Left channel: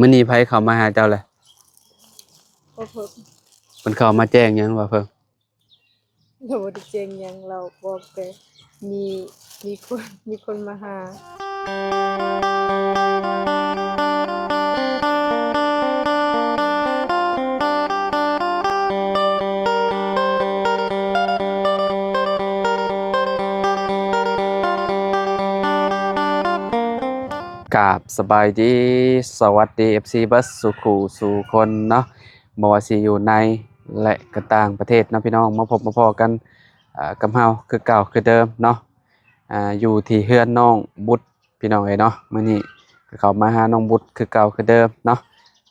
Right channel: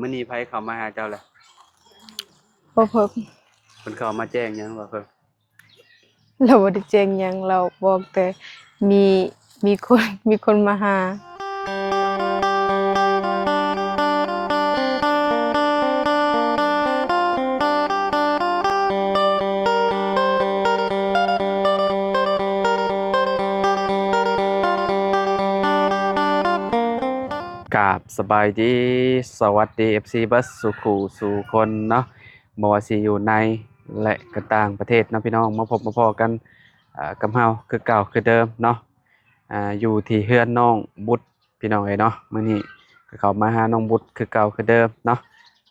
มื้อนี้ไผเข้ามาหาเจ้าแหละบ่เพิ่งเพิ่นเข้ามาแจ้งหยังว่าเพิ่นเราบ่ได้แจ้งหยังเราบอกแต่มีมีคนมาหากราบสบายดีสวัสดี FC เบิดสุขุสู่คนเนาะบ่ว่าสิอยู่ในและก็ต่างประเทศเนาะพี่น้องมาพบมาพ้อกันกับเฮาคือเก่าคือเดิมเนาะอยู่ที่เฮือนน้องบุตรพี่น้องเอ้ยเนาะมื้อนี้ก็เข้ามาหาน้องบุตรคือเก่าคือเดิมเนาะ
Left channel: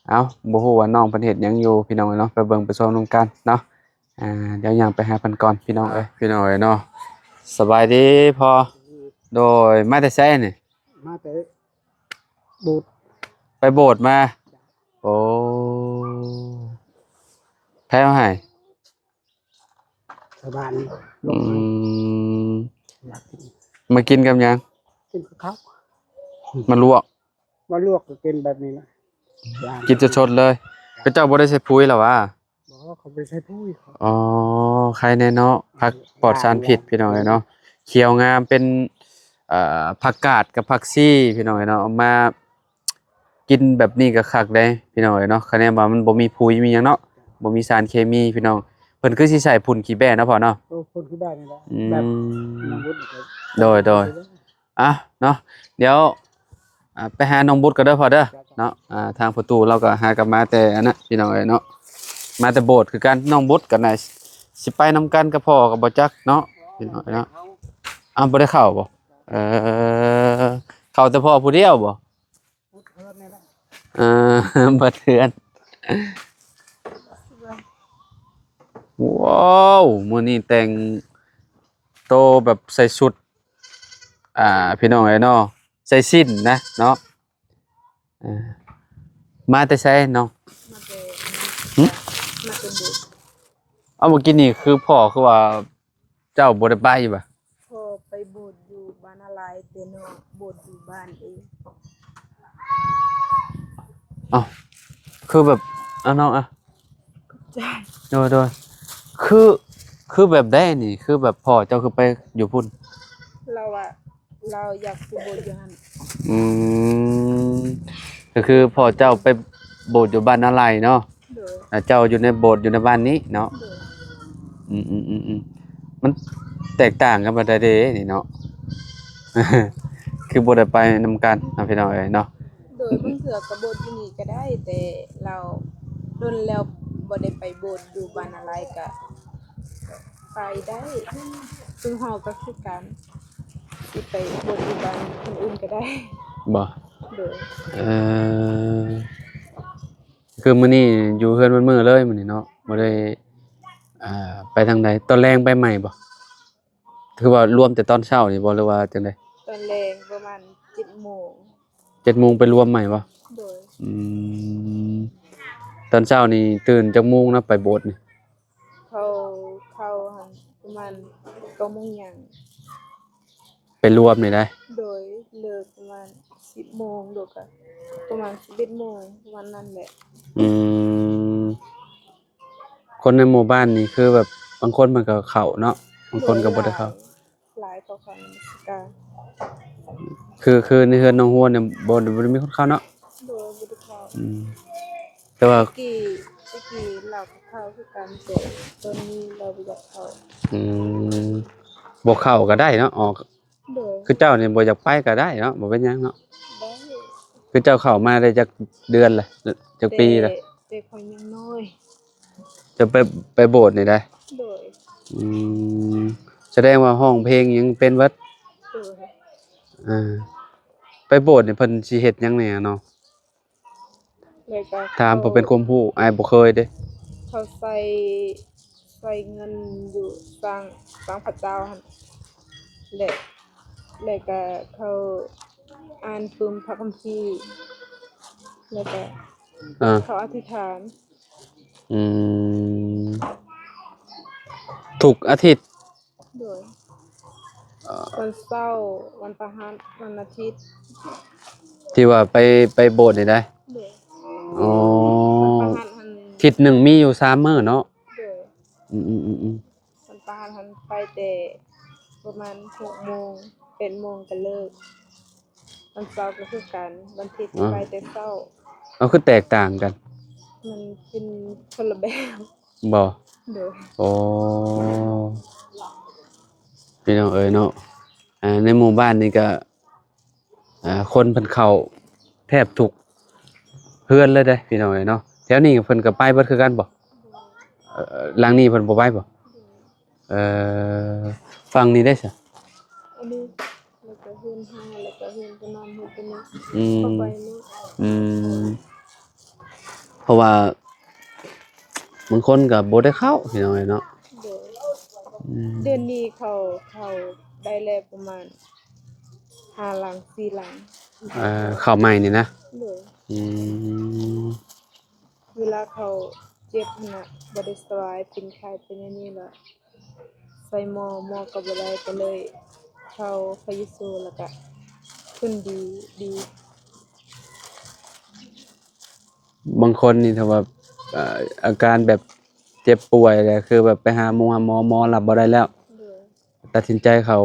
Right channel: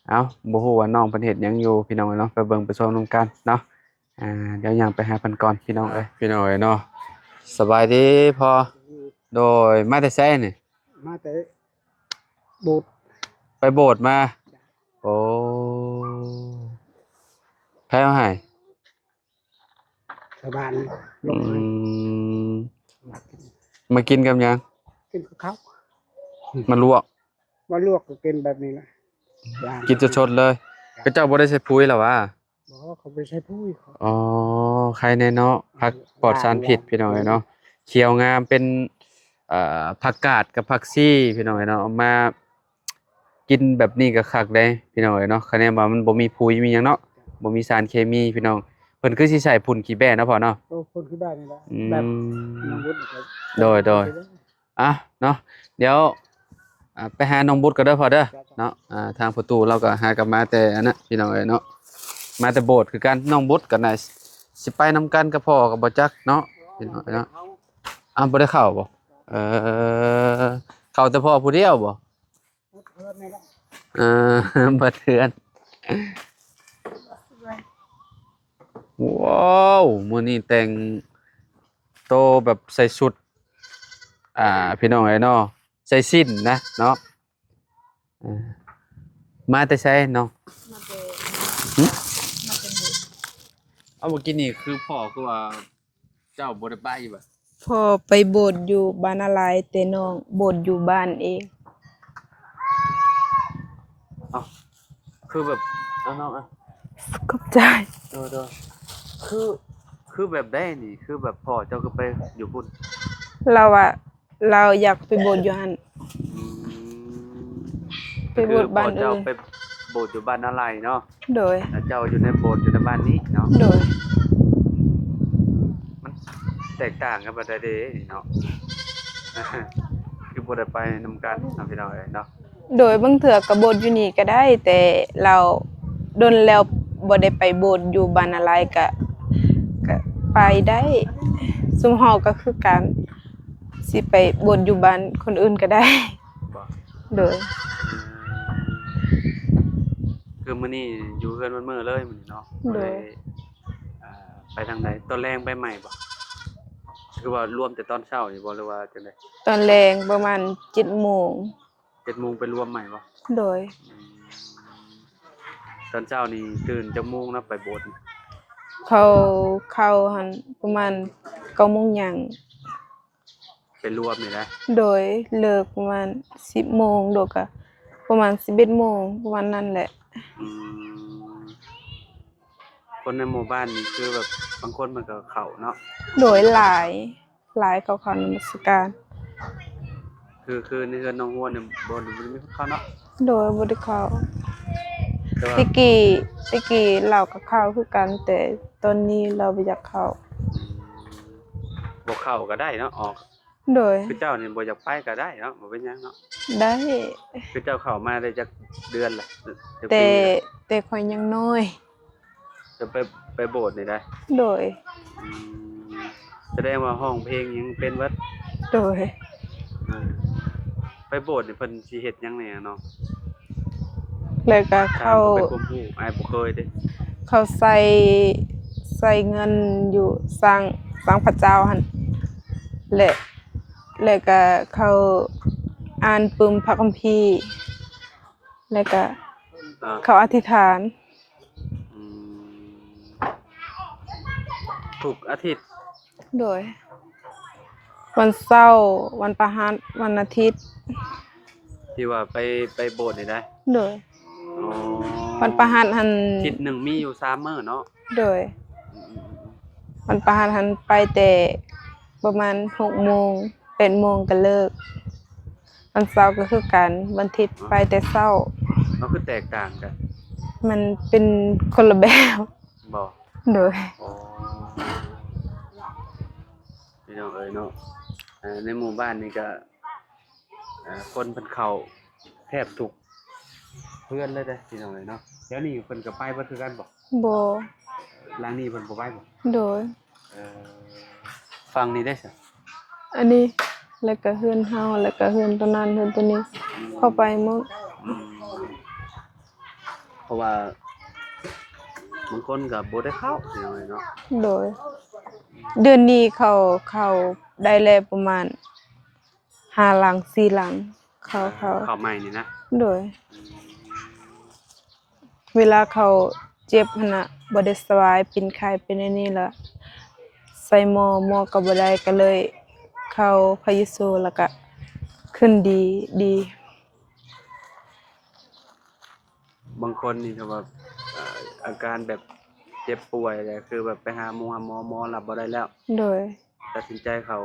เอ้าบ่ฮู้ว่าน้องเพิ่นเฮ็ดหยังอยู่พี่น้องเอ้ยเนาะไปเบิ่งไปชมนำกันเนาะเดี๋ยวย่างไปหาเพิ่นก่อนพี่น้องเอ้ยเนาะสบายดีพอโดยมาแต่ไสนี่มาแต่โบูดไปโบสถ์มาโอ้แพ้มาให้ชาวบ้านล อื งให้มอยากกิน มากินกับหยัง กินกับข้าว มันลวก ว่าลวกก็กินแบบนี้แหละย่าง กินสดๆเลยก็เจ้าบ่ได้ใส่ปุ๋ยหรอวะ บอกว่าเขาไปใช้พุ้ยเขา อ๋อใครแน่เนาะผักปลอดสารพิษพี่น้องเอ้ยเนาะเขียวงามเป็นผักกาดกับผักซี่พี่น้องเอ้ยเนาะเอามากินแบบนี้ก็คักได้พี่น้องเอ้ยเนาะคะแนนว่ามันบ่มีปุ๋ยมีหยังเนาะบ่มีสารเคมีพี่น้องเพิ่นคือสิใส่พุ่นขี้แบ้เนาะพ่อเนาะ โอ้คนที่บ้านนี่แหละ อื แบบ ม น้องวุฒิครับ โดย อ่ะเนาะเดี๋ยวไปหาน้องบุตรก็เด้อพอเด้อเนาะทางประตูเราก็หากลับมาแต่อันนั้นพี่น้องเอ้ยเนาะมาแต่โบสถ์คือกันน้องบุตรกันน่ะสิไปนำกันกับพ่อกับบ่จักเนาะพี่น้องเอ้ยเนาะบ่ได้เข้าบ่เออเข้าแต่พ่อผู้เดียวบ่เออ บ่เทือนว้าวมื้อนี้แต่งโตแบบใส่ชุดพี่น้องเอ้ยเนาะใส่สิ้นนะเนาะมาแต่ใช้เนาะ มาแต่ หึ มาแต่บุญ เอาเมื่อกี้นี่คือพ่อคือว่าเจ้าบ่ได้ไปบ่ะ พอไปโบสถ์อยู่บ้านอะไรแต่น้องโบสถ์อยู่บ้านเอง เอ้าคือแบบน้องขอบใจ โดยคือแบบได้นี่คือแบบพ่อเจ้าคือไปอยู่พุ่น เราอยากไปโบสถ์อยู่หั่น อืมก็คือพ่อเจ้าไปโบสถ์อยู่บ้านนาไลเนาะ โดย เจ้าอยู่ในโบสถ์อยู่ในบ้านนี้เนาะ โดย อืมมันแตกต่างกันบ่ได้เด้นี่เนาะ คือบ่ได้ไปนำกันนะพี่น้องเอ้ยเนาะ โดยบางเถื่อก็โบสถ์อยู่นี่ก็ได้ แต่เราดนแล้วบ่ได้ไปโบสถ์อยู่บ้านอะไรก็ไปได้ซุมเฮาก็คือการสิไปโบสถ์อยู่บ้านคนอื่นก็ได้ บ่ โดย เออคือมื้อนี้อยู่เฮือนมันมื้อเลยมื้อนี้เนาะบ่ได้ไปทางใดตอนแรงไปใหม่บ่คือว่ารวมแต่ตอนเช้านี่บ่หรือว่าจังได๋ตอนแรงประมาณ7:00 น 7:00 นไปรวมใหม่บ่ โดย อืมตอนเช้านี่ตื่นจักโมงนะไปโบสถ์นี่ เข้าหั่นประมาณ9:00 นยัง ไปรวมนี่ได้ โดยเลิกประมาณ 10:00 นโดยก็ประมาณ 11:00 นประมาณนั้นแหละ อืมคนในหมู่บ้านนี่คือแบบบางคนมันก็เข้าเนาะบาง โด คน ย ก็ ห บ่ได้ ลา เข้าย เขานมัสการ คือในเฮือนน้องฮัวเนี่ยบ่ได้มีคนเข้าเนาะ โดยบ่ได้เข้า อืมแต่ว่า ตะกี้เราก็เข้าคือกันแต่ตอนนี้เราบ่อยากเข้า อืมบ่เข้าก็ได้เนาะอ๋อ โดย คือเจ้านี่บ่อยากไปก็ได้เนาะบ่เป็นหยังเนาะ ได้ คือเจ้าเข้ามาได้จักเดือนละจัก แต่ ปีละ แต่ข่อยยังน้อย จะไปโบสถ์นี่ได้ โดย อืมแสดงว่าห้องเพลงยังเป็นเบิด โดย อ่าไปโบสถ์นี่เพิ่นสิเฮ็ดหยังแหน่เนาะ เลยก็ ถามเพิ่นเป็นความรู้อ้ายบ่เคยเด้ เขาใส่เงินอยู่สร้างพระเจ้าหั่นและก็เขาอ่านปึมพระคัมภีร์แล้วก็ อ่า เขาอธิษฐาน อืมทุกอาทิตย์ โดยวันเสาร์วันพฤหัสวันอาทิตย์ ที่ว่าไปโบสถ์นี่ได้ โดย อ๋อ วันประหารหัน ทิศหนึ่งมีอยู่3มื้อเนาะ โดย อืมๆๆ วันประหารหันไปแต่ประมาณ6 โมง 8 โมงก็เลิกวันเสาร์ก็คือกันวันอาทิตย์ไปแต่เช้า เอาคือแตกต่างกัน มันเป็นคนละแบบ บ่ โดย อ๋อพี่น้องเอ๋ยเนาะในหมู่บ้านนี่ก็คนเพิ่นเข้าแทบทุกเฮือนเลยเด้พี่น้องเอ๋ยเนาะแถวนี้เพิ่นก็ไปเบิดคือกันบ่ บ่ หลังนี้เพิ่นบ่ไปบ่ โดย เอ่อฝั่งนี้ได้ซะ อันนี้แล้วก็เฮือนเฮาแล้วก็เฮือนตัวนั้นเฮือนตัวนี้ อืม เข้าไปหมด อืมเพราะว่าบางคนก็บ่ได้เข้าพี่น้องเอ๋ยเนาะ โดย อืม เดือนนี้เขาได้แล้วประมาณ5 หลัง 4 หลังเขา เข้าใหม่นี่นะ โดย อืม เวลาเขาเจ็บหั่นน่ะบ่ได้สบายเป็นไข้เป็นอันนี้แล้วใส่หมอก็บ่ได้ก็เลยเข้าพายิโซแล้วก็ขึ้นดี บางคนนี่ถ้าว่าอาการแบบเจ็บป่วยเลยคือแบบไปหาหมอรับบ่ได้แล้ว โดย ตัดสินใจเข้า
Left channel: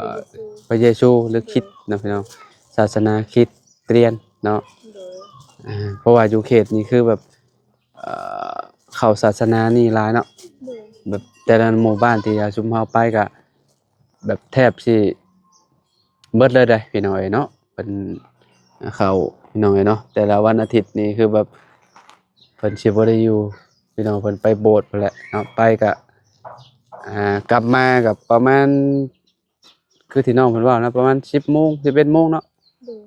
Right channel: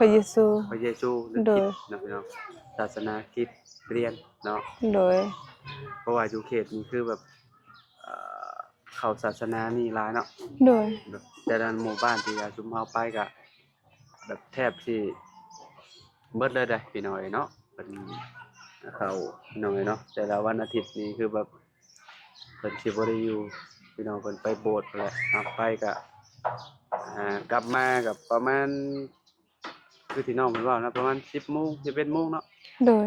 พายิโซ พระเยซูหรือ โดย คริสต์นะพี่น้องศาสนาคริสเตียนเนาะ โดย เพราะว่าอยู่เขตนี้คือแบบเอ่เข้าศาสนานี่หลายเนาะ โดย แบบแต่ละหมู่บ้านที่ชุมเฮาไปก็แบบแทบสิเบิดเลยเด้พี่น้องเอ้ยเนาะเพิ่นเข้าพี่น้องเอ้ยเนาะแต่ละวันอาทิตย์นี่คือแบบเพิ่นสิบ่ได้อยู่พี่น้องเพิ่นไปโบสถ์พู้นแหละเนาะไปก็กลับมาก็ประมาณคือที่น้องเพิ่นเว้านะประมาณ10 โมง 11 โมงเนาะ โดย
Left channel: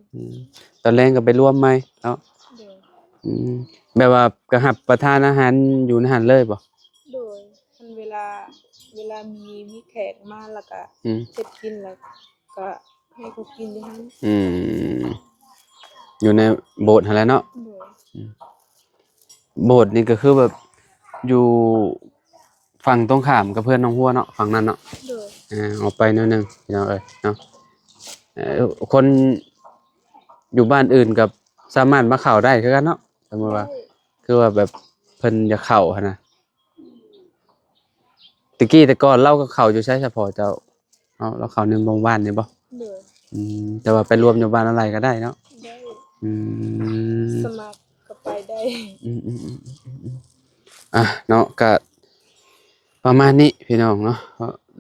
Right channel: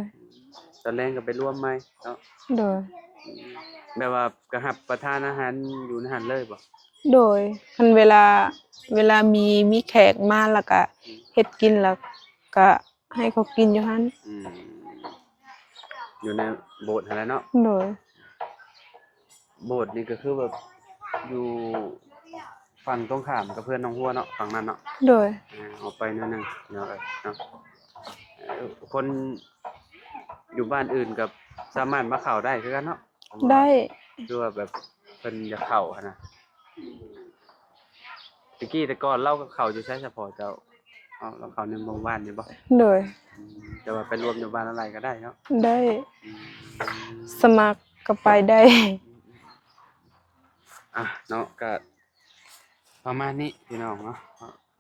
ตอนแลงก็ไปรวมใหม่เนาะ โดย อืมแบบว่าก็รับประทานอาหารอยู่ในหันเลยบ่ โดยคันเวลามีแขกมาแล้วก็ อืม เฮ็ดกินแล้วก็ให้เขากินอยู่หั่น อืมอยู่ในโบสถ์หั่นแหละเนาะ โดย โบสถ์นี่ก็คือแบบอยู่ฝั่งตรงข้ามกับเพื่อนน้องฮัวเนาะฝั่งนั้นเนาะ โดย ออกไปหนิดนึงพี่น้องเอ้ยเนาะคนอยู่บ้านอื่นกับสามารถมาเข้าได้คือกันเนาะสมมุติ ได้ ว่าคือว่าแบบเพิ่นอยากเข้าหั่นน่ะตะกี้แต่ก่อนเราก็เข้าอยู่ใช้เฉพาะเจ้าเราเข้าในหมู่บ้านนี่บ่ โดย แต่ว่าไปรวมอยู่บ้านอะไรก็ได้เนาะ ได้ อืม สมัครก็ไปได้ อืมเนาะก็ประมาณนี้พี่น้องเนาะ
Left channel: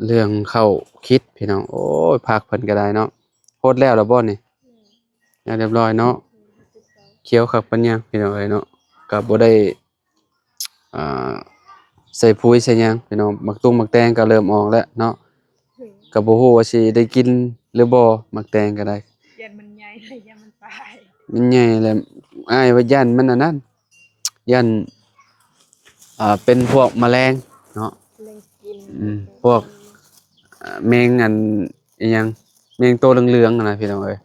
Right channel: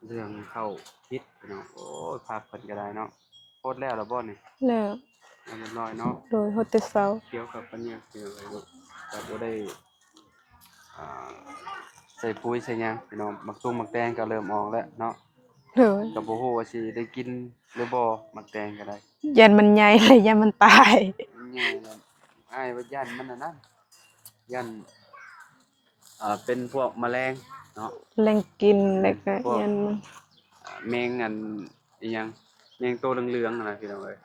เรื่องเข้าคิดพี่น้องโอ้ยพักเพิ่นก็ได้เนาะโพดแล้วบ่นี่ แล้ว แล้วเรียบร้อยเนาะ โดยโฮเตเซา เขียวคักปานยังพี่น้องเอ้ยเนาะก็บ่ได้อ่าใส่ปุ๋ยใส่หยังพี่น้องมักตุ้งมักแตงก็เริ่มออกแล้วเนาะ โดย ก็บ่ฮู้ว่าสิได้กินหรือบ่มักแตงก็ได้ ยันมันใหญ่เลยยันมันตาย มันใหญ่แล้วอ้ายว่ายันมันอันนั้นยันเป็นพวกแมลงเนาะ แรงกินแล้วก็ พวก ยันมัน แมงอันอิหยังแมงตัวเหลืองๆนั่นน่ะพี่น้องเอ้ย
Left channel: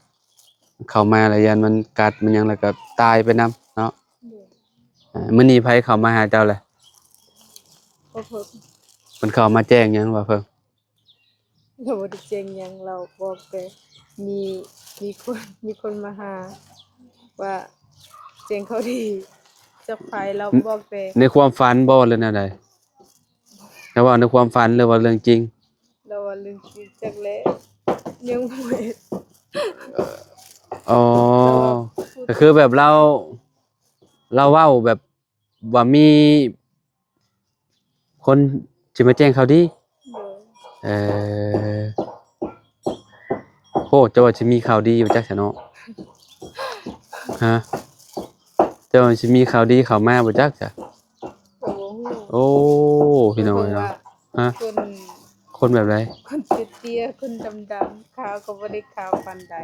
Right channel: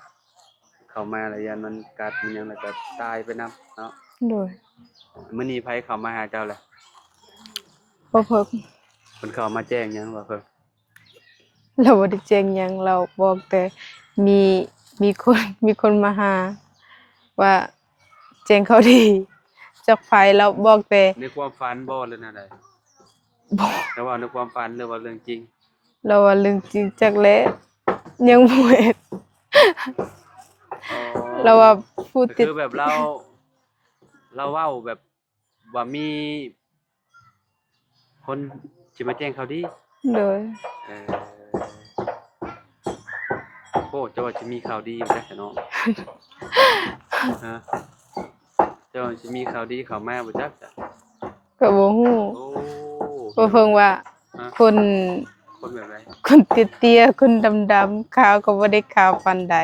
เข้ามาแล้วยันมันกัดมันหยังแล้วก็ตายไปนำเนาะ โดย มื้อนี้ไผเข้ามาหาเจ้าแหละ บ่เพิ่ม เพิ่นเข้ามาแจ้งหยังว่าเพิ่น เราบ่ได้แจ้งหยังเราบอกแต่มีคนมาหา ว่าแจ้งเขาดีจักไผเราบอกแต่ ในความฝันบ่หรือแนวใด บอก แต่ว่าในความฝันหรือว่าเรื่องจริง เราว่าเรื่องจริงจักแล้ยังบ่เฮ็ด อ๋อ เราว่าพูด ก็คือแบบเราเว้าแบบว่ามีคนสิมาแจ้งข่าวดี โดย เอ่อโอ้เจ้าว่าสิมีข่าวดีอยู่จักซะเนาะ ฮะเจ้าว่าสิมีข่าวดีเข้ามาบ่จักจ้ะ ก็บ่ฮู้ โอ้ บ่เพิ่งว่า ฮะ คน คนแบบใด คนเตี้ยๆคนดำๆขาวก็บ่ได้ขาวปานใด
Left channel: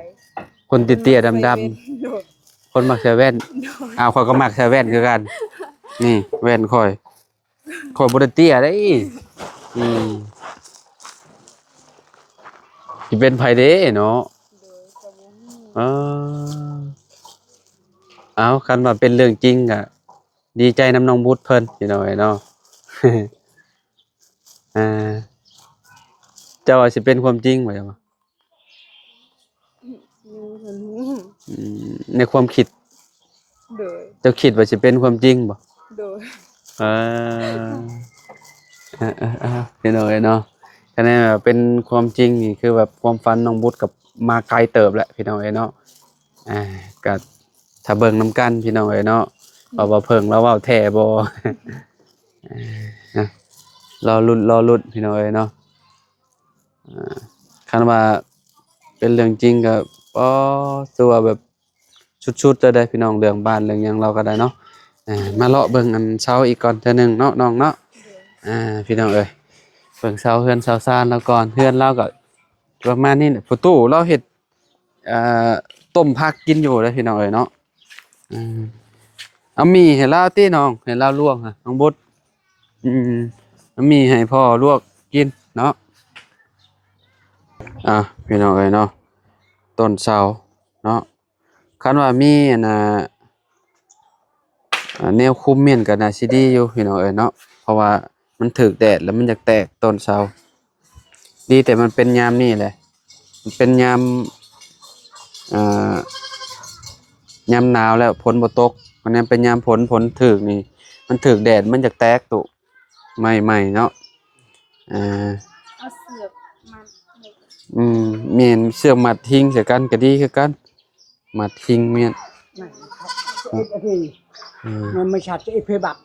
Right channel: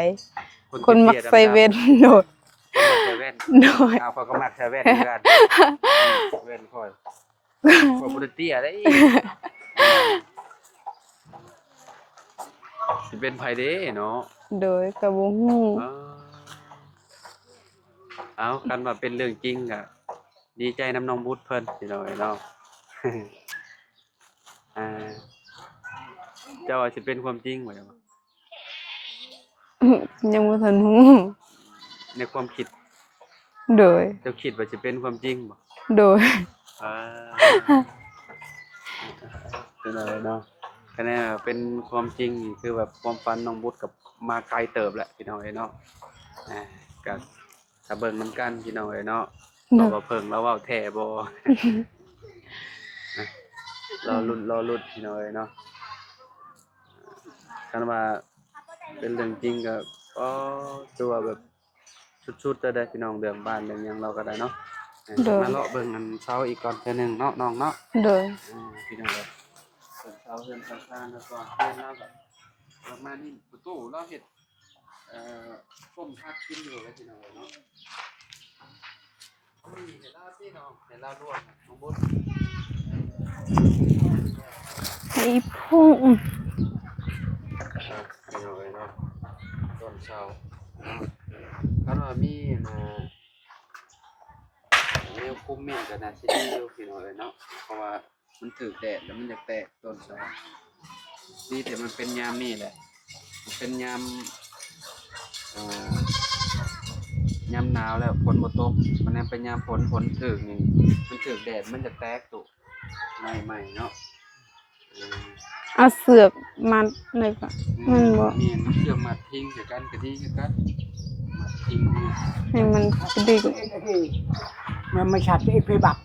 คนเตี้ยๆ คนมักใส่ ดำ แว่น โดย ๆคนมักใส่แว่น โดย อ้าวข้อยก็มักใส่แว่นคือกัน นี่แว่นข้อยบ่ได้เตี้ยเด้สิเป็นไผเด้เนาะ โดยก็บ่ฮู้ เอเอาคันว่าเป็นเรื่องจริงก็ดีใจนำน้องบุตรเพิ่นพี่น้อยเนาะ อ่าเจ้าว่าสิเป็นความจริงบ่จังวะ ยังบ่ทันฮู้ ในความคิด โดย เจ้าคิดว่าสิเป็นความจริงบ่ โดย เออพี่น้องเอ้ยเนาะคะแนนแบบเป็นความจริงนี่คือแบบความฝันน้องบุตรกับมาไกลเติบแหละพี่น้องเอ้ยเนาะก็ถ้าเบิ่งนํกันพี่น้องเอ้ยเนาะว่าเพิ่งแล้วเว้าแท้บ่ นะรอลุ้นพี่น้องเอ้ยเนาะคันว่าเป็นเรื่องจริงก็ตัวแบบชุดๆจะได้พี่น้องเรื่องบ้านเรื่องหยังเราก็ได้เนาะมาเลาะเบิ่งอันเช้าอีกก่อนเทื่อนึงเนาะน้องเนาะ โดย พี่น้องเอ้ยเบิ่งเช้าเฮือนเช้าซ่านแล้วก่อนเฮือนเราก็ประมาณนี้แหละประตูเราเฮ็ดอ่าต้มผักกินอยู่เด้อพี่น้องเอ้ยเนาะเอาหมี่ให้เราติน้องให้เราลวกน่ะน้องบุตรเอาหมี่ให้พ่อลวกกินเนาะพี่น้องเอ้ยเนาะต้นเช้าเนาะคันว่ามีอันน่ะแนวคุมเม่นก็น่าสิดีอยู่พี่น้องเอ้ยเนาะเพราะว่ามันถึกแดดแล้วมันอยากแตกต้นเช้าดีแต่มันเป็นยามนี่แหละมันเป็นยามยามหนาวแล้วฝนบ่ตกมันยังเป็นยามฝนถึกนี่มันถึกแดดมันอยากแตกตุใหม่ๆเนาะเอาเสือกมัดเลยป่ะเมียนเสื้อมัดทิ้งใส่กันก็ดีคือกันมัดทิ้งเมียนให้มันดีกว่า มันไม่ชัดที่เพบัก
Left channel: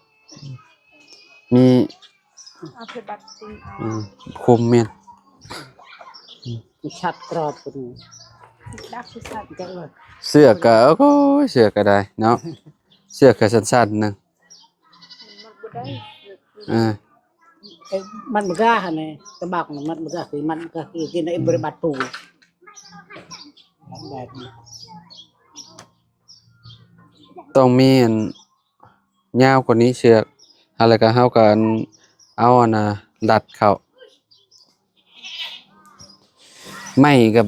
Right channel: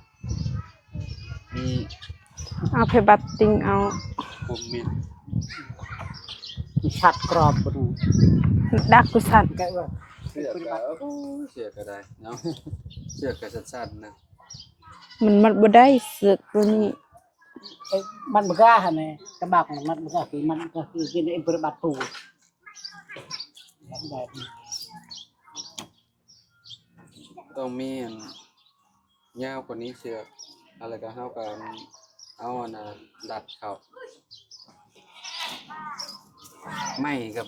มี เอาเพบัตติงเอา คุมเมียน มีชัดกรอบดู ดักกุสัตว์ เสื้อก็โอ้ยเสื้อก็ได้เนาะเสื้อก็สั้นๆนึง มันมัดบ่ได้เสือกตัวนี้ มันมันก็ฮะเนี่ยกระบักมันก็คือกินในบริบทปูแบบนี้ ต้องมีอันยาวกว่านี้เชือกอะไรก็เฮากันเอาอันน่ะดัดเข้าไม่กับ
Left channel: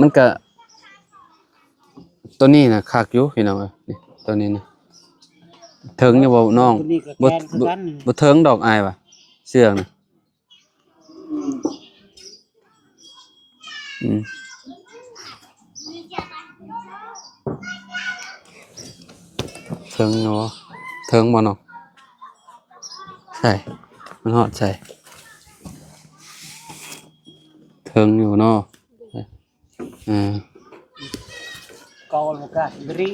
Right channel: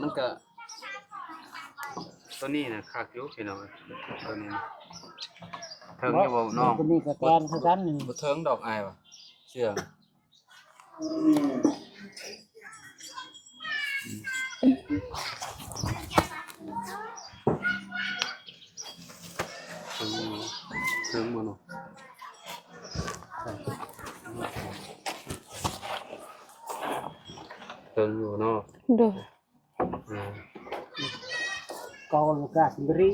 มันก็ตัวนี้น่ะคักอยู่พี่น้องตัวนี้นะถึงอยู่บ่น้องบ่ถึงดอกอายว่ะเชือกน่ะถึงเนาะถึงบ่เนาะใช่มันฮอดใช่ถึงอยู่เนาะโดยกอลก็บริ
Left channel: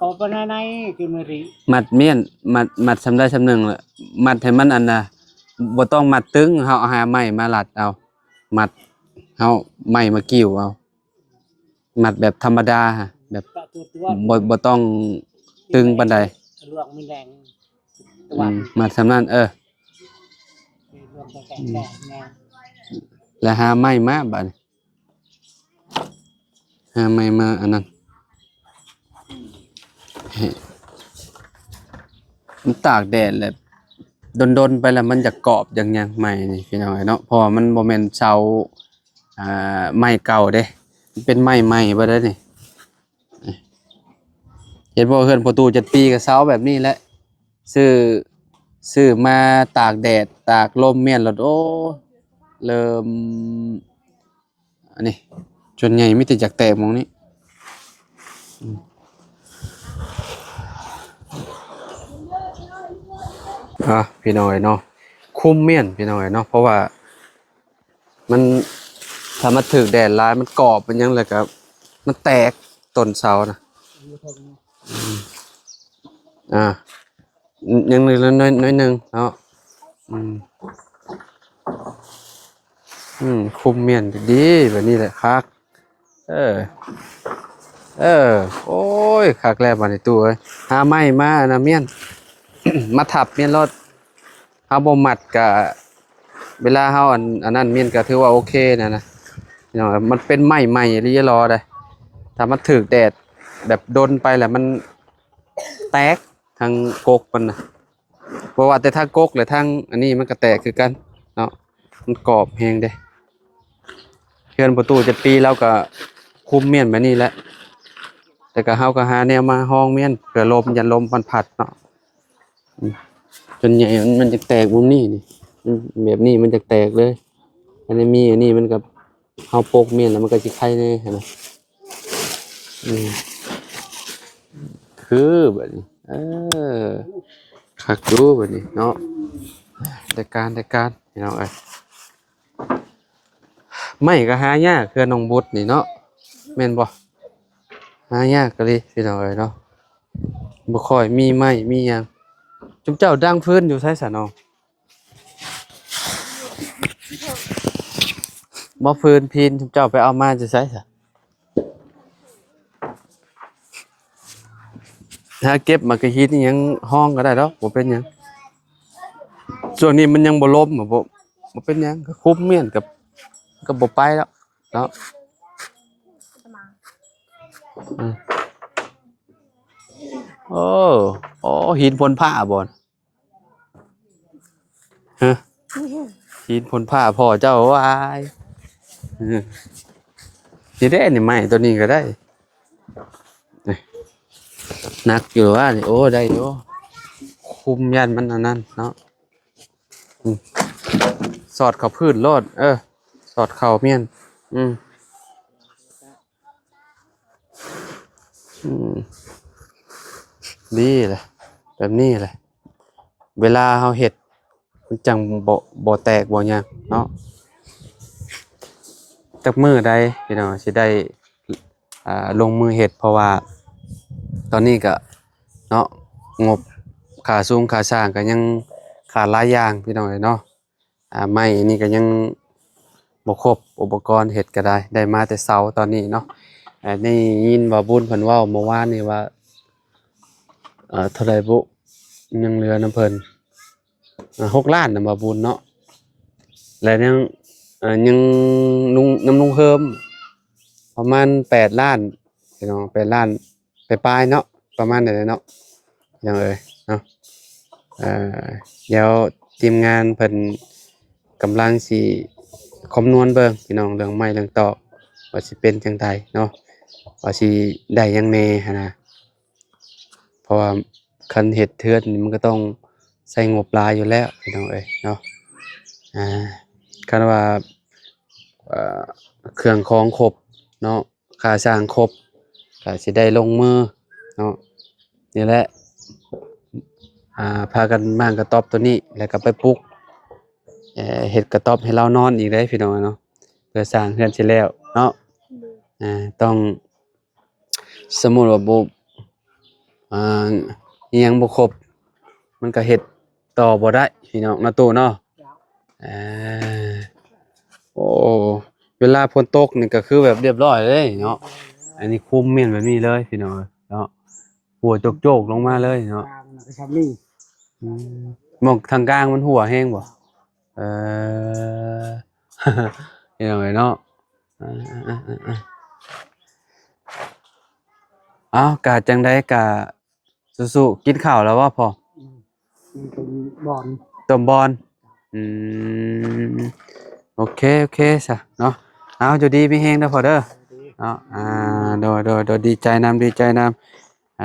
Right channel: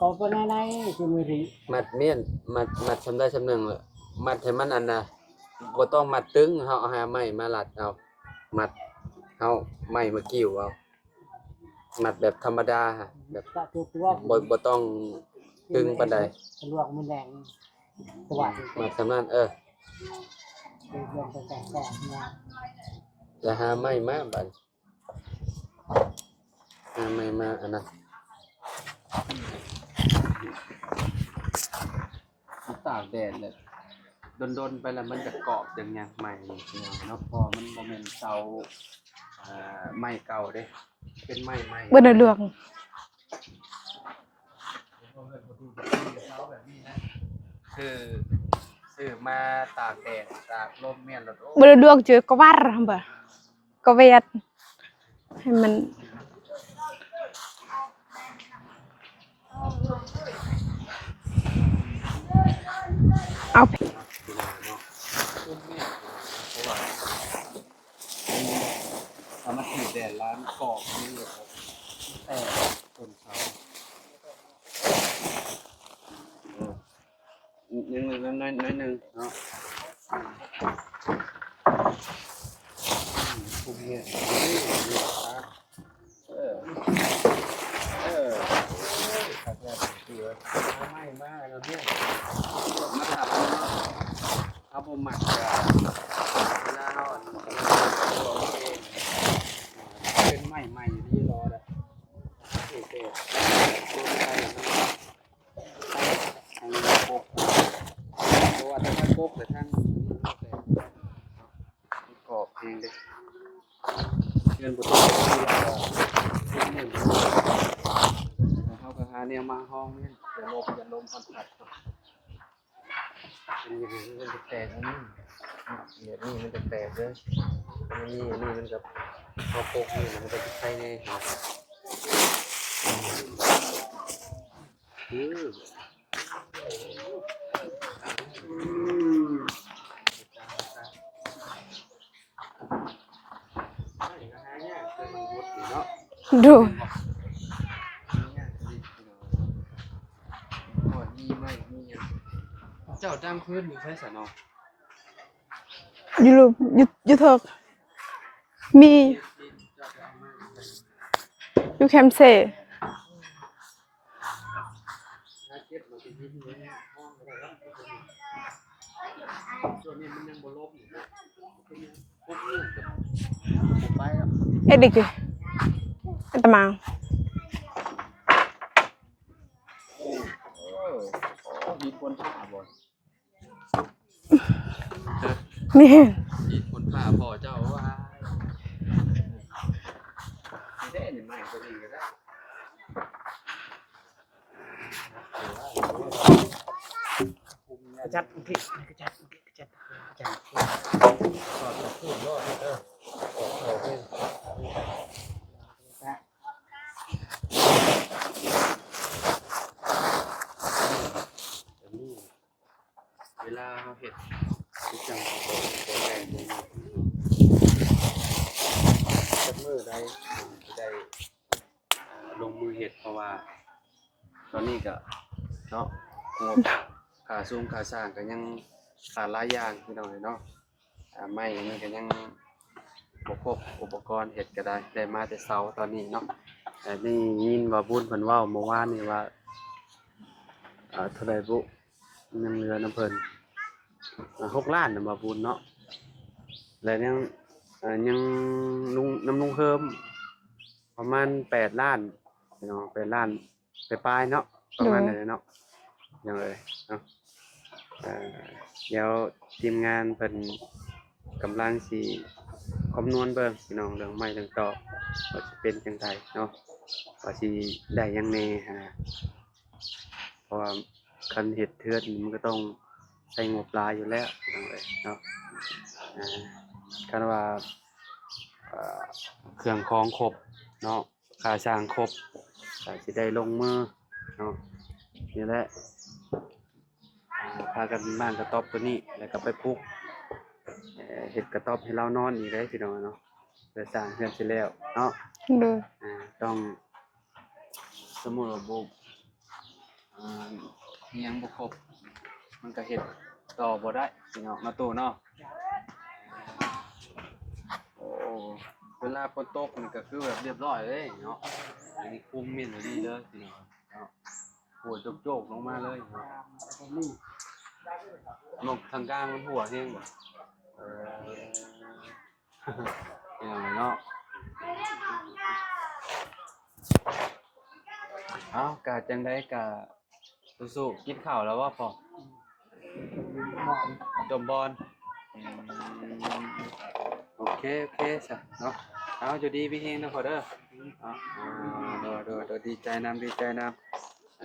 กอปนไหนคือบริมัดเมียนมัดสำได้สำนึงแหละมัดให้มันอันน่ะบ่ต้องมัดตึงเฮาหาไม้มาลัดเอามัดเฮาไม้มากิ้วเอามัดแบบธรรมดาแบบบ่ต้องตึงปานใดลวกมันแรงมัดสำนั้นแล้วหาไม้มาบัดหาไม้มาอันนั้นมันตากแดดแหละดนๆไปแล้วมันจะกรอบอย่างยังใหม่นี่พี่น้องเนาะเพราะมันบ่แม่นเสาไม้เก่าเด้มันเป็นไม้ใหม่บ่ได้นี่เห็นบ่เฮือนประตู7 ปีก็เสาแบบนี้แหละซื้อมาตากแดดตากลมเมียนแล้วโอ้บ่ได้ดวงเจอก็ว่าเริ่มก็เวียดอันนี้ให้มันจนใหญ่มีแต่จากแตกมองนี้พี่น้อยเนาะคุมเมียนพี่น้อยเนาะเพราะว่ามันถ้ามาถึกแดดร้ายมันกรอบเป็นยังไงครับมันแตกต้นเสานะยังเลยน้อยนึงเนาะคุมเมียนดีแบบนี้แหละครับโอ้ยคักแล้วมาในตู้เลยหาไม้มานะเมียน มาทับเมียนรถเฮาบ่มัดก็เวลาเฮาอันนั้นเมียนก็ถือว่าโอเคนะพี่น้องมันเป็นไม้ใหม่เรียรอได้ถ้ามันถึกแดดแบบโดนไปแล้วมันแตกทางกกมันเพราะว่าแต่ทางกกหรือทางอันนี้มันก็แตกคือกันเนาะมันกรอบแฮงเด้เฮือนประตู7 ปีแล้วก็คุมเมียนแบบนี้แหละแต่ก็เฮาก็หาแนวมาห้องเมียนเพื่อลมยันลมพัดเนาะส่วนใหญ่มันจะแตกมุมนี้นี่แบบนี้มันจะแตกเลยอันนี้มีอันนี้มันกับเฮาโปกเมียนแล้วมันก็สิไข่แน่เห็นมั้ย คือบัดนี้คักอยู่บัดนี้เนาะได้การพี่น้องเอ้ยไม่ก็หายากคือน้องบุตรนี่เนาะ ดู แม่นบ่หายากก็เลยพี่น้องเอ้ยเนาะบ่ค่อยมีไม้มีหยังจุมเจ้าดังฟื้นอยู่ไสซะเนาะ อยู่อยู่เถอะมี บ่ฟื้นพินจุมเจ้าไปเอามาจะไสซะ อยู่แคมป์เซ่ ถ้าเก็บมากระฮิตนี่ยังห้องก็ได้ดอกบ่เป็นหยังช่วงนี้มันยังบ่ล้มบ่เป็นหยังก็คุมเมียนกับบ่ไปแล้ว เอ็ดอีกดิเอ็ดตะมัง โอ้โอ้หินพลผ้าบ่นฮะ นี่ หินพลผ้าพ่อเจ้าว่าอ้ายสิได้นี่ไม้ตัวนี้ก็ได้นี่หนักอยู่ว่านี่โอ้ได้อยู่คุมยันมันอันนั้นเนาะสอดเข้าพื้นโลดสอดเข้าเมียนดีเลยแบบนี้เลยเวลาเฮาเฮ็ดมันจังบ่แตกบ่หยังเนาะจักมื้อใดพี่น้องสิได้ลงมือเฮ็ดเพราะว่าตอนนี้ก็เนาะงบค่าสูงค่าสร้างก็ยังขาดหลายอย่างพี่น้องเอ้ยเนาะไม้นี่ก็ยังบ่ครบอุปกรณ์เฮ็ดก็ได้มาแต่เช้าตอนนี้เนาะนี่ยินว่าบุญเพิ่นเว้าเมื่อวานนี่ว่าเท่าใดบุยังเหลือน้ำเพิ่น6 ล้านน่ะบ่บุญเนาะแล้วยังลุงเฮิมประมาณ8 ล้านพี่น้อง8 ล้านปลายๆเนาะประมาณนั้นแหละเนาะยังเอ้ยเนาะเดี๋ยวทีมงานเพิ่นกำลังสิคำนวณเบิ่งพี่น้องเรื่องไม้เรื่องตอกว่าสิเป็นจังไดเนาะว่าสิได้หยังแน่หั่นน่ะเพราะว่าคันเฮ็ดเทือนนี่มันก็ต้องใส่งบหลายอยู่แล้วพี่น้องเอ้ยเนาะคันว่าเครื่องของครบเนาะค่าสร้างครบก็สิได้ลงมือเนาะนี่แหละพากันมางกระต๊อบตัวนี้แล้วก็ไปปลูกเฮ็ดกระต๊อบให้เรานอนอีกได้พี่น้องเนาะเพื่อสร้างเรือนสิแล้วเนาะ ดู ต้องสมมุติว่าบ่อิหยังบ่ครบมันก็เฮ็ดต่อบ่ได้พี่น้องเนาะตู้เนาะโอ้เวลาฝนตกนี่ก็คือแบบเรียบร้อยเลยเนาะอันนี้คุมแม่นแบบนี้เลยพี่น้องเนาะหัวโจกๆลงมาเลยเนาะ ทำนี่ หมองทางกลางมันหัวแห้งบ่เออ เห็นไหมเนาะอ้าวกะจังได๋กะสู้ๆกินข้าวแล้วบ่พ่อ บอล ต้มบอนอืมโอเคซะเนาะเอาอยู่ดีมีแฮงเด้อพ่อเด้อเนาะโดยดีใจนำ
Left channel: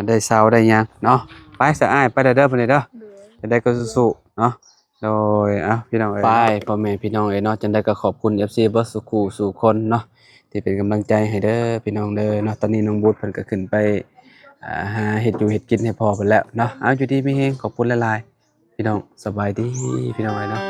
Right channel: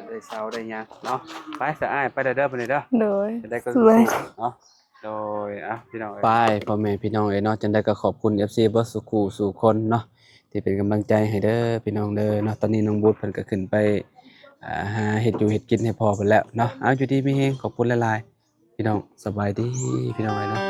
ได้เซาได้หยังเนาะไปซะอ้ายไปเด้อเพิ่นเด้อ โดย จะได้ก็สู้ๆเนาะโดยพี่น้องเอ้ยไปพ่อแม่พี่น้องเอ้ยเนาะจังได้ก็ขอบคุณ FC เบิดสุขสู่คนเนาะที่เป็นกำลังใจให้เด้อพี่น้องเด้อเนาะตอนนี้น้องบูธเพิ่นก็ขึ้นไปหาเฮ็ดอยู่เฮ็ดกินให้พ่อเพิ่นแล้วเนาะเอาอยู่ดีมีแฮงขอบคุณหลายๆพี่น้องสบายดีพี่น้องเอ้ยเนาะ